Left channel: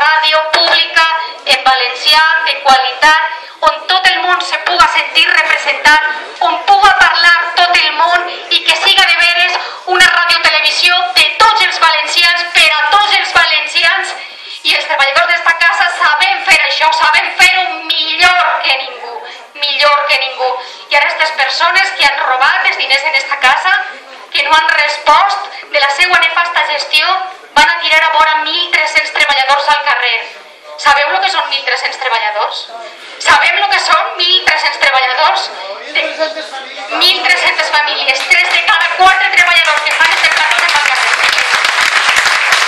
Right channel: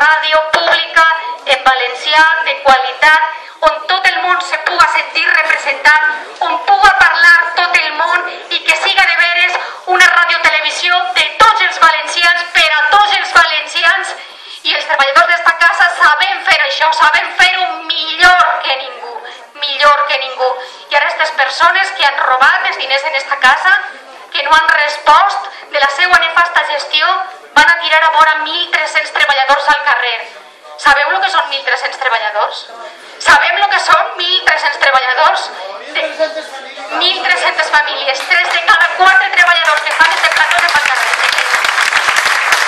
ràdio pública en valencià, de qualitat, on tot el món se puga sentir representat, on puga parlar tot el món i que siga de veres una radiotelevisió de tots els valencians per a tots els valencians. I els treballadors d'esta casa sabem fer això, sabem fer-ho millor que ningú, millor que ningú. I ara aquestes persones que han robat els diners en esta casa, que no han respost de la seva nefasta gestió, van a tirar a vora 1.300 treballadors al carrer. Sabeu el que són 1.300 treballadors? Sabem el que són 1.300 treballadors? 1.300 famílies, 3 de cada 4 treballadors que fan este plató se'n van al carrer.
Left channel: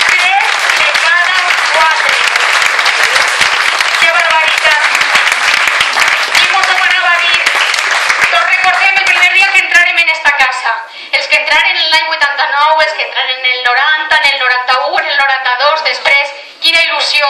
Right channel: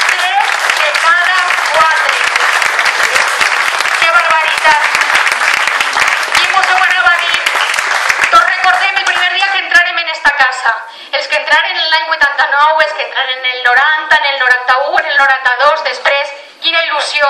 3 de cada 4. Que barbaritat. I mos ho anava a dir. Tots recordem el primer dia que entrarem en esta casa. Els que entraren en l'any 89, els que entraren en el 90, en el 91, en el 92, després, quina il·lusió.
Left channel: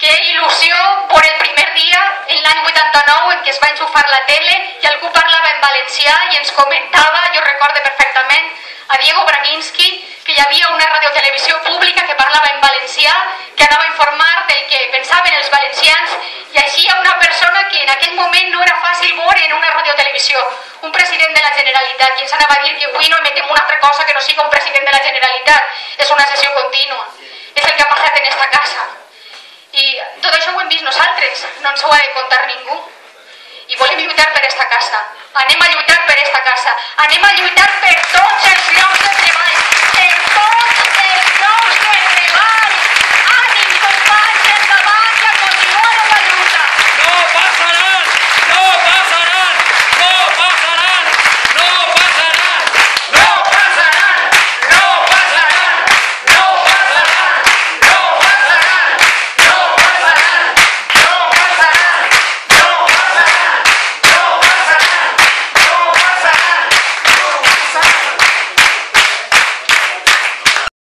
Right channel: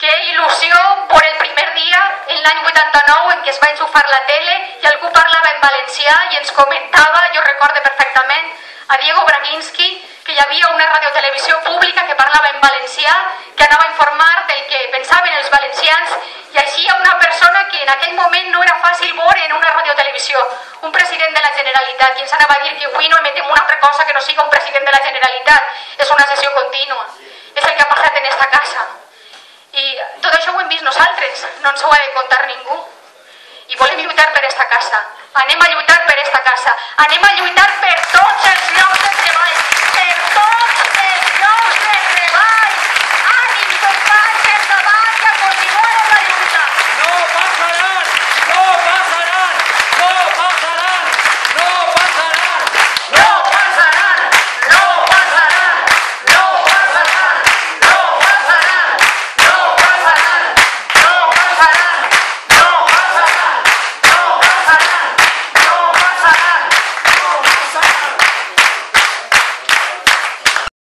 Que il·lusió per el primer dia, en l'any 89, en què es va enxufar la tele i algú parlava en valencià i ens comentava, jo recordo perfectament, a Diego Braginski, que hi havia una radiotelevisió pública que parlava en valencià, que anava a informar del que pensaven els valencians, i així hi ha una persona que en aquell moment no era fàcil veure en una radiotelevisió, un president de la Generalitat, i ens anava a dir que avui no emetem una altra cosa que no sigui un president de la Generalitat, és una sessió contínua, és el que ha passat en esta casa. I tot això ho hem vist nosaltres, no ens ho ha de contar ningú. I volem lluitar per esta casa, anem a lluitar per esta casa, anem a lluitar per tots els llocs de treball